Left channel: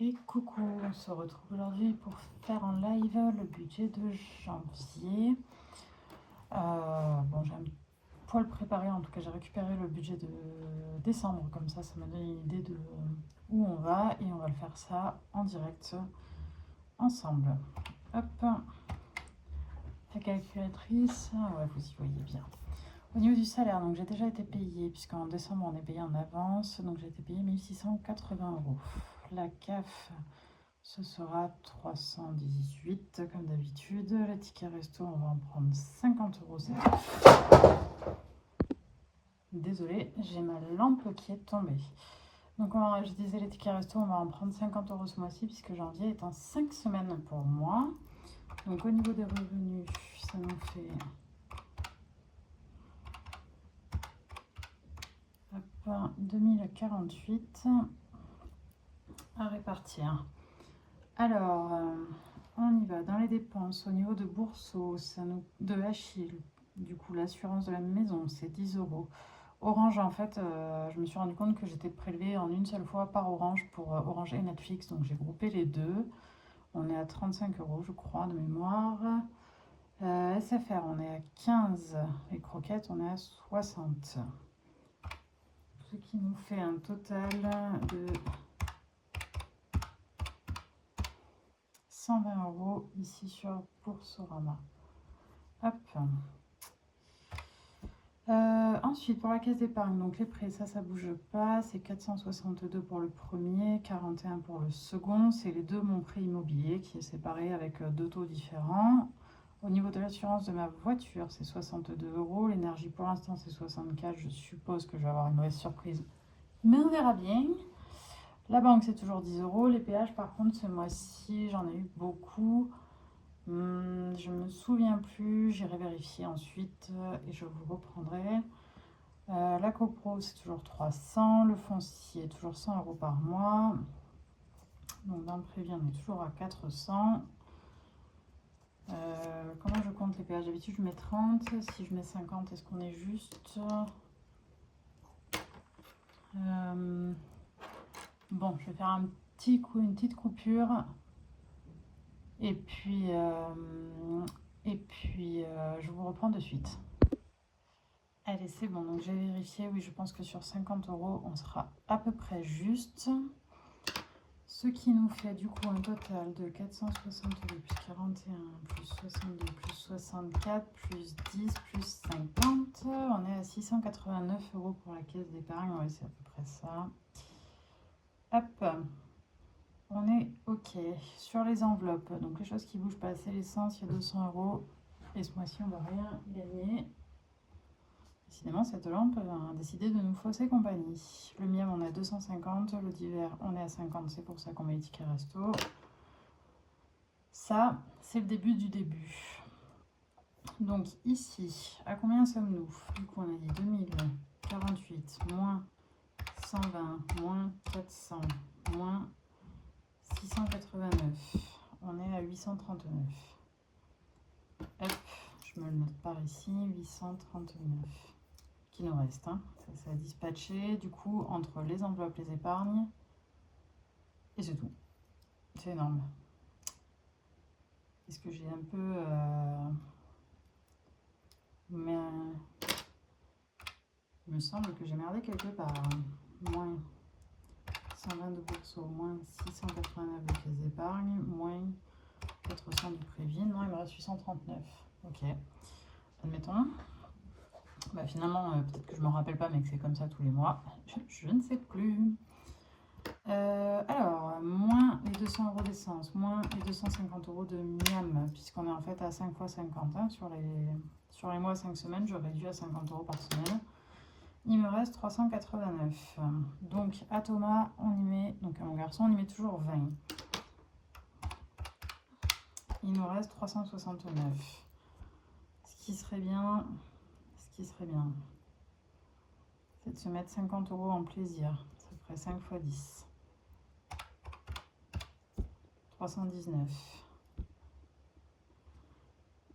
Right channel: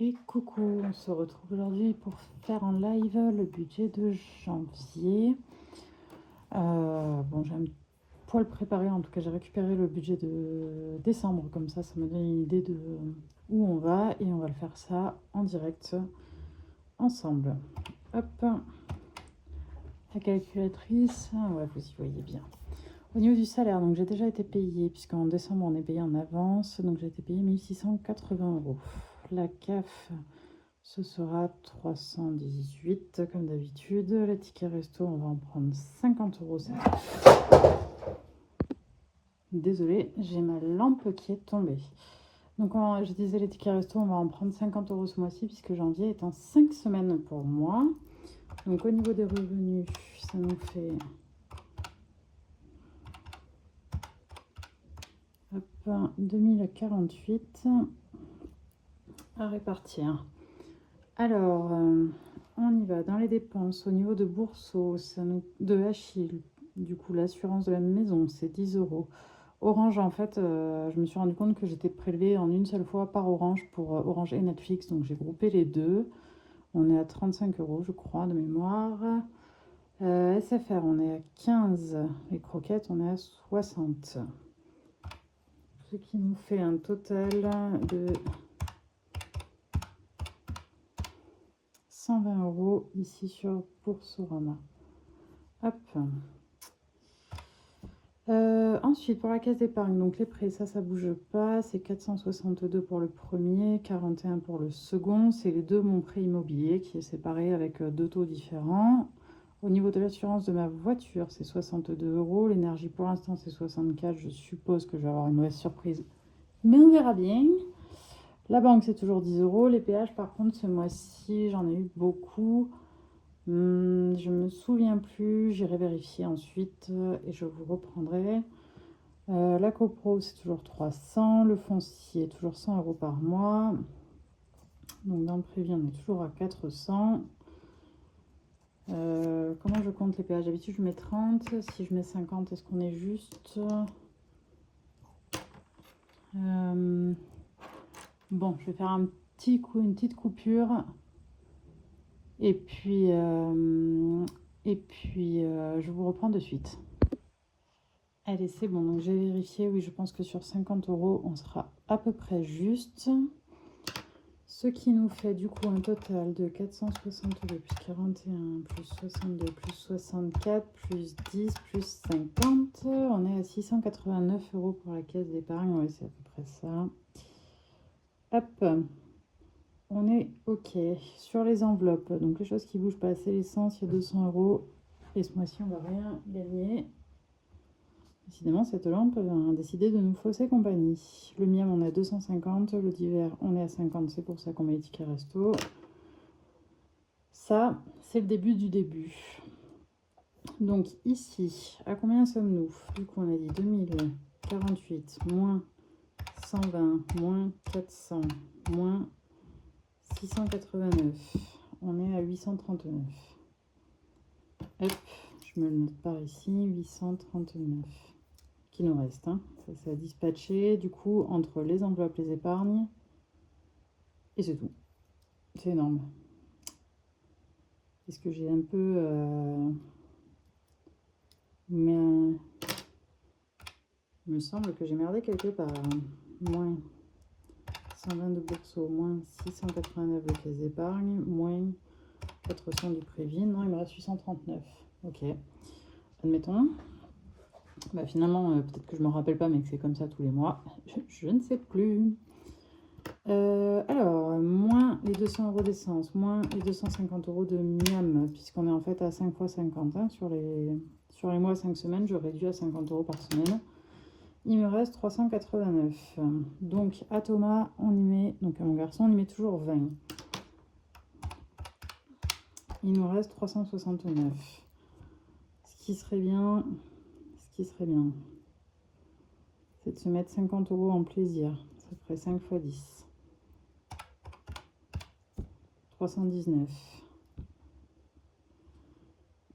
Et coucou, on se retrouve aujourd'hui pour faire en live le budget de janvier. Bon, j'ai un poil préparé, en tout cas j'ai récupéré le budget de décembre, comme ça me donne une idée de où on va et on va le faire ça en direct ensemble. Hop, la calculatrice, ouais, vous y voyez bien. Au niveau du salaire, donc j'ai déjà été payée, puisqu'en décembre on est payé en avance, donc j'ai été payée 1680 €. La CAF, ce sera 318 comme d'habitude. Les tickets resto, on va en prendre 50 € cette fois. Désolée, j'ai ma lampe qui est tombée. Donc je disais les tickets resto, on va en prendre 50 € ce mois-ci, puisque janvier est en 5 semaines pour moi. Donc au niveau des revenus, ça nous fait 2048 à répartir. Alors, on y va dans les dépenses. Au niveau de Bourseau, de Achille, du coup, l'assurance de la maison, c'est 10 €. Orange, en fait, je me suis rendu compte que j'étais prélevée en une seule fois par Orange pour Orange et Netflix, donc j'ai groupé les deux. On est à 35 € je crois, de mémoire. SFR, on est à 15. Les croquettes, on est à 60. Ce qui nous fait un total de 120 € ici sur Boursorama. Hop. Ensuite, pour la caisse d'épargne, donc les prêts, ça bouge pas. C'est 462 pour le premier, 41 pour le second. C'est les deux mon prêt immobilier qui est séparé avec deux taux différents. Au niveau de l'assurance de ma voiture, c'est 62 €. L'énergie, pour l'instant, c'est 64. Je suppose que je vais avoir une mauvaise surprise, mais on verra bien. La banque, c'est toujours 10 €. Les péages, par contre, ce mois-ci, j'en ai eu beaucoup. Je me souviens plus, j'irai vérifier ensuite et je vous reprendrai. La copro, c'est toujours 300. Le foncier, toujours 100 € par mois. Donc dans le prévu, on est toujours à 400. Comment je compte les péages? D'habitude, je mets 30. Si je mets 50, est-ce qu'on est juste? Bon, je vais faire un petit coup, une petite coupure. Et puis, je vous reprends de suite. Allez, c'est bon, donc j'ai vérifié, oui, je pense que sur 50 €, on sera à peu près juste. Ce qui nous fait du coup un total de 462 plus 41 plus 62 plus 64 plus 10 plus 50. On est à 689 € pour la caisse d'épargne, oui, c'est à peu près ça. Hop, on est OK. Sur les enveloppes, donc les choses qui bougent pas, c'est l'essence, il y a 200 €. Et ce mois-ci, on va rien gagner. Décidément, cette lampe a décidé de nous fausser compagnie. Le miel, on est à 250. Le d'hiver, on est à 50. C'est pour ça qu'on met les tickets resto. Ça, c'est le début du début. Donc ici, à combien sommes-nous? Du coup, on a dit 2048 moins 120 moins 400 moins 689. On est à 839. Hop, je me le note par ici, 839. Qui nous reste, hein. Ça a dispatché du coup entre les enveloppes, les épargnes, et c'est tout. C'est énorme. Est-ce que j'ai un peu mais il me semble que j'ai merdé quelque part, hein. Moins 120 de Bourseau, moins 689 avec les épargnes, moins 400 du Prévin. Non, il me reste 839. Ok, admettons. Bah, finalement, peut-être que je m'en rappelle pas, mais que c'est comme ça tous les mois. Je ne sais plus. Alors, moins les 200 € d'essence, moins les 250 € de miam, puisqu'on est en fait à 5 fois 50. Hein, sur les mois 5 semaines, je réduis à 50 € par semaine. Il me reste 389. Donc, à Thomas, on y met, donc à mon garçon, on y met toujours 20. Il nous reste 369. Ce qui serait bien, c'est de se mettre 50 € en plaisir. Ça ferait 5 fois 10. 319.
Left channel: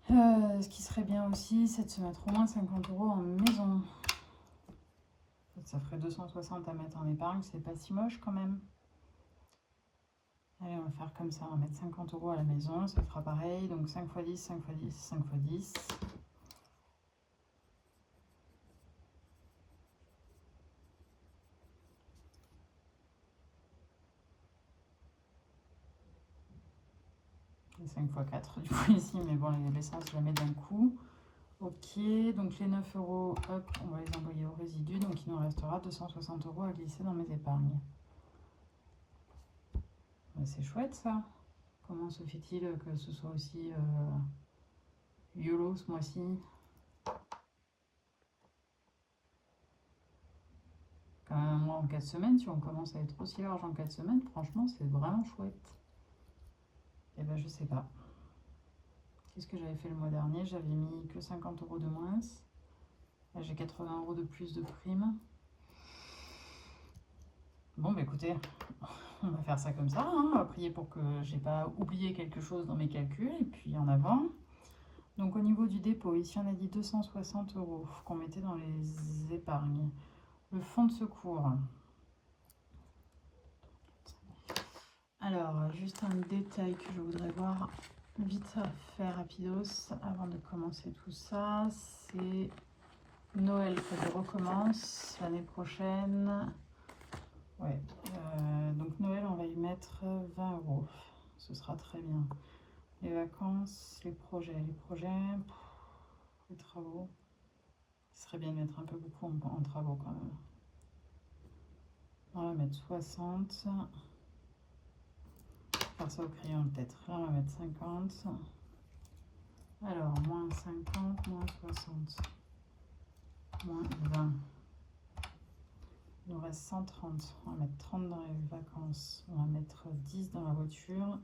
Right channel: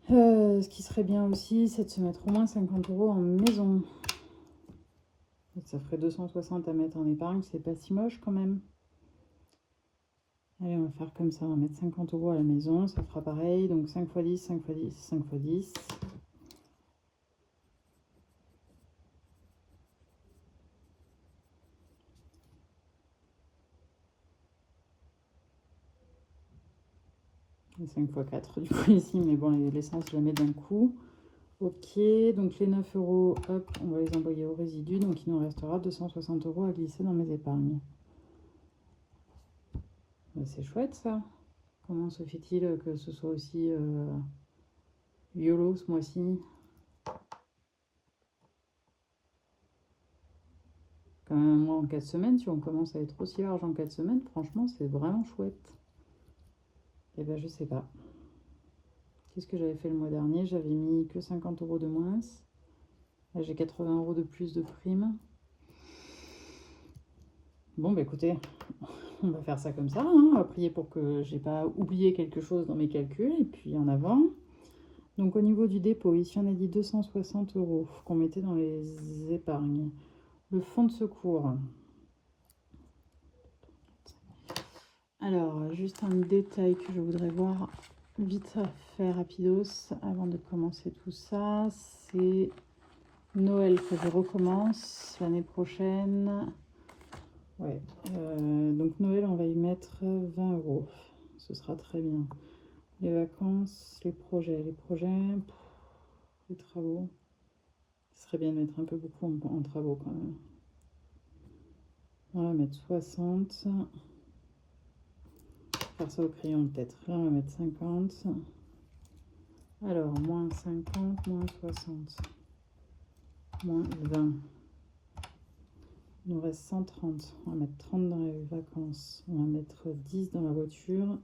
Ce qui serait bien aussi, c'est de se mettre au moins 50 € en maison. Ça ferait 260 à mettre en épargne, c'est pas si moche quand même. Allez, on va faire comme ça, on va mettre 50 € à la maison, ça fera pareil, donc 5 x 10, 5 x 10, 5 x 10. Et 5 x 4 du coup ici, mais bon, l'essence, je la mets d'un coup. Ok, donc les 9 €, hop, on va les envoyer au résidu, donc il nous restera 260 € à glisser dans mes épargnes. C'est chouette ça. Comment se fait-il que ce soit aussi YOLO ce mois-ci? Quand même un mois en 4 semaines, si on commence à être aussi large en 4 semaines, franchement c'est vraiment chouette. Et ben je sais pas. Qu'est-ce que j'avais fait le mois dernier? J'avais mis que 50 € de moins. Là j'ai 80 € de plus de prime. Bon bah écoutez, on va faire ça comme ça, hein. On va prier pour que j'ai pas oublié quelque chose dans mes calculs, et puis en avant. Donc au niveau du dépôt, ici on a dit 260 € qu'on mettait dans les épargnes. Le fonds de secours. Alors, juste un détail que je voudrais voir vite faire rapidos avant de commencer tout ça, c'est Noël que je recommence l'année prochaine. Ouais, donc Noël, on va y mettre 20 €. Ce sera très bien. Les vacances, les projets, les travaux. Ce serait bien de mettre un peu beaucoup en travaux quand même. On va mettre 60. Faire ça au crayon peut-être. Là, on va mettre 50. Alors, moins 50, moins 60, moins 20. Il nous reste 130. On va mettre 30 dans les vacances. On va mettre 10 dans la voiture.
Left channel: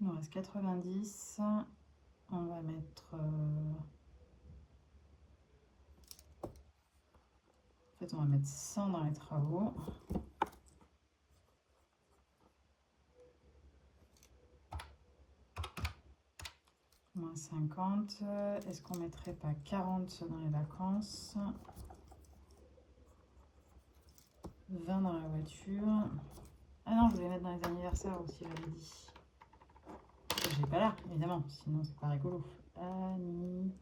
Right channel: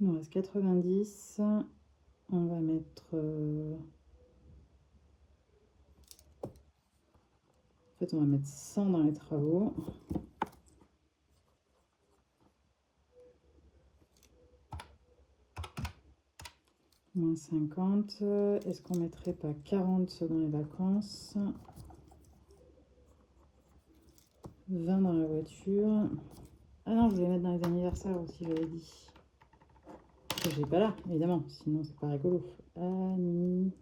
Il nous reste 90. On va mettre... En fait, on va mettre 100 dans les travaux. Moins 50. Est-ce qu'on mettrait pas 40 dans les vacances? 20 dans la voiture. Ah non, je voulais mettre dans les anniversaires aussi, j'avais dit. Je n'ai pas là, évidemment, sinon c'est pas rigolo. Anniversaire.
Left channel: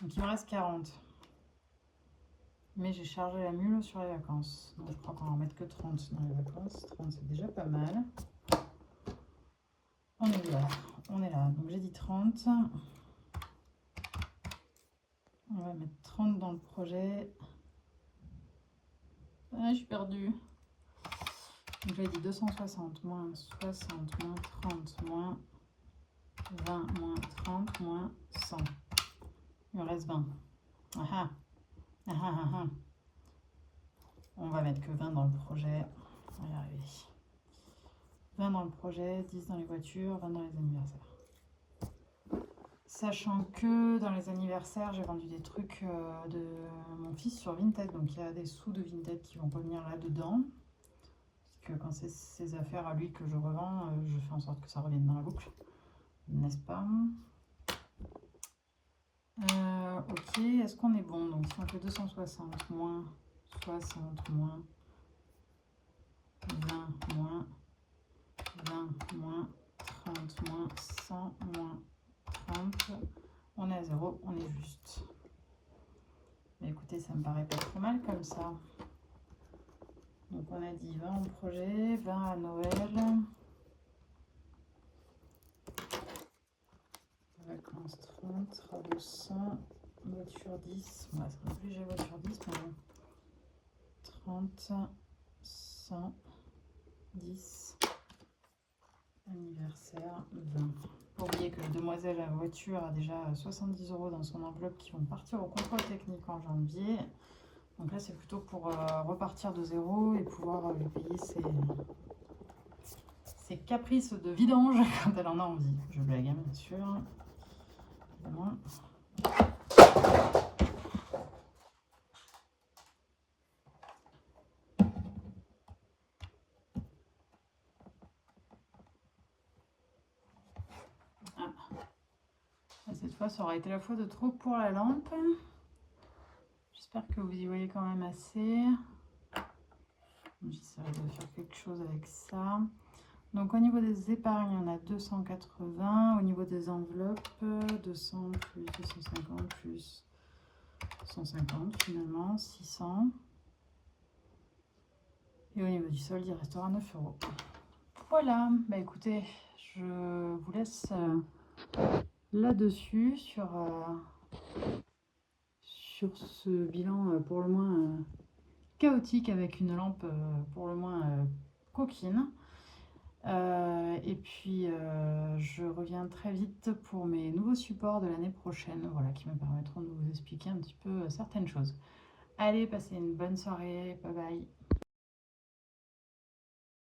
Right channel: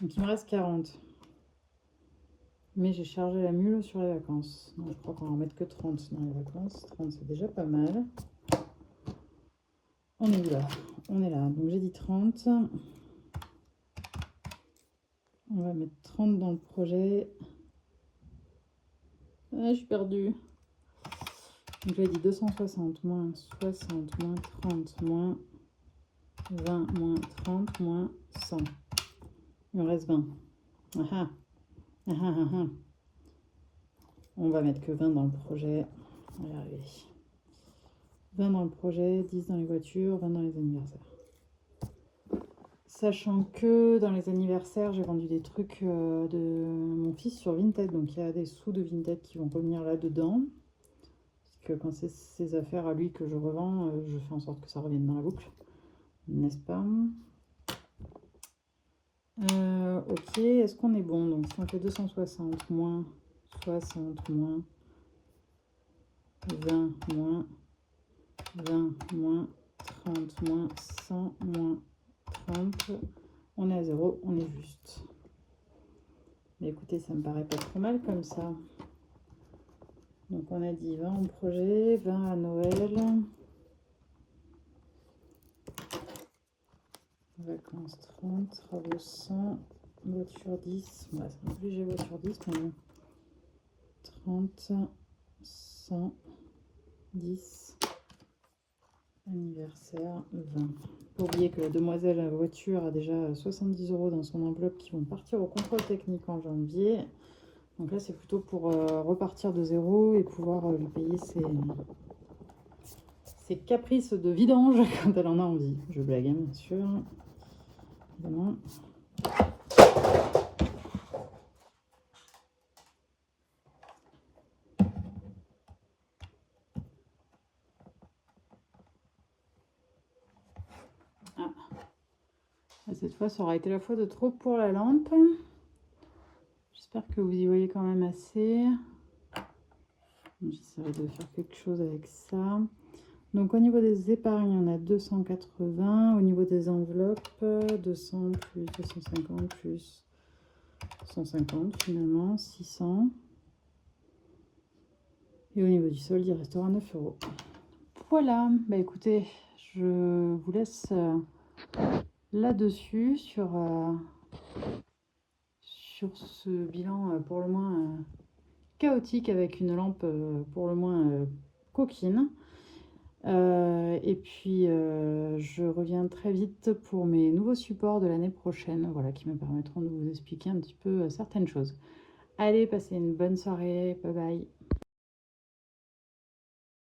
Donc il me reste 40. Mais j'ai chargé la mule sur les vacances. Donc je crois qu'on va en mettre que 30 dans les vacances. 30 c'est déjà pas mal. On est là. On est là. Donc j'ai dit 30. On va mettre 30 dans le projet. Ah, je suis perdue. Donc j'ai dit 260 moins 60 moins 30 moins 20 moins 30 moins 100. Il me reste 20. Ah ah. Ah ah ah ah. On va mettre que 20 dans le projet. On va y arriver. 20 dans le projet, 10 dans les voitures, 20 dans les anniversaires. Sachant que dans les anniversaires, j'ai vendu des trucs de mon fils sur Vinted. Donc il y a des sous de Vinted qui vont revenir là-dedans. Parce que quand c'est ses affaires à lui que je revends, je fais en sorte que ça revienne dans la boucle. N'est-ce pas? Ok, est-ce qu'on est bon? Donc si on fait 260 moins 60 moins 20 moins 20 moins 30 moins 100 moins 30, on est à 0, on est juste. Mais écoutez, ça me paraît pas trop mal comme ça. Donc on a dit 20 au projet, 20 à Noël. Vacances 30, travaux 100, voiture 10. Bon, ça va obliger voiture 10, mais 30, 100, 10, anniversaire 20. Faut oublier que la demoiselle à la voiture a déjà 70 € dans son enveloppe qui vont partir au contrôle technique en janvier. Donc là, c'est plutôt pour repartir de zéro et pouvoir lui payer ses caprices de vidange quand elle en a envie. Je blague, hein, bien sûr. Évidemment. fois, ça aura été la fois de trop pour la lampe. J'espère que vous y voyez quand même assez. J'essaierai de faire quelque chose avec ça. Donc au niveau des épargnes, on a 280. Au niveau des enveloppes, 200 plus 250 plus 150 finalement, 600. Et au niveau du solde, il restera 9 euros. Voilà, bah écoutez, je vous laisse là-dessus sur ce bilan pour le moins chaotique avec une lampe pour le moins coquine. Et puis je reviens très vite pour mes nouveaux supports de l'année prochaine, voilà, qui me permettront de vous expliquer un petit peu certaines choses. Allez, passez une bonne soirée, bye bye.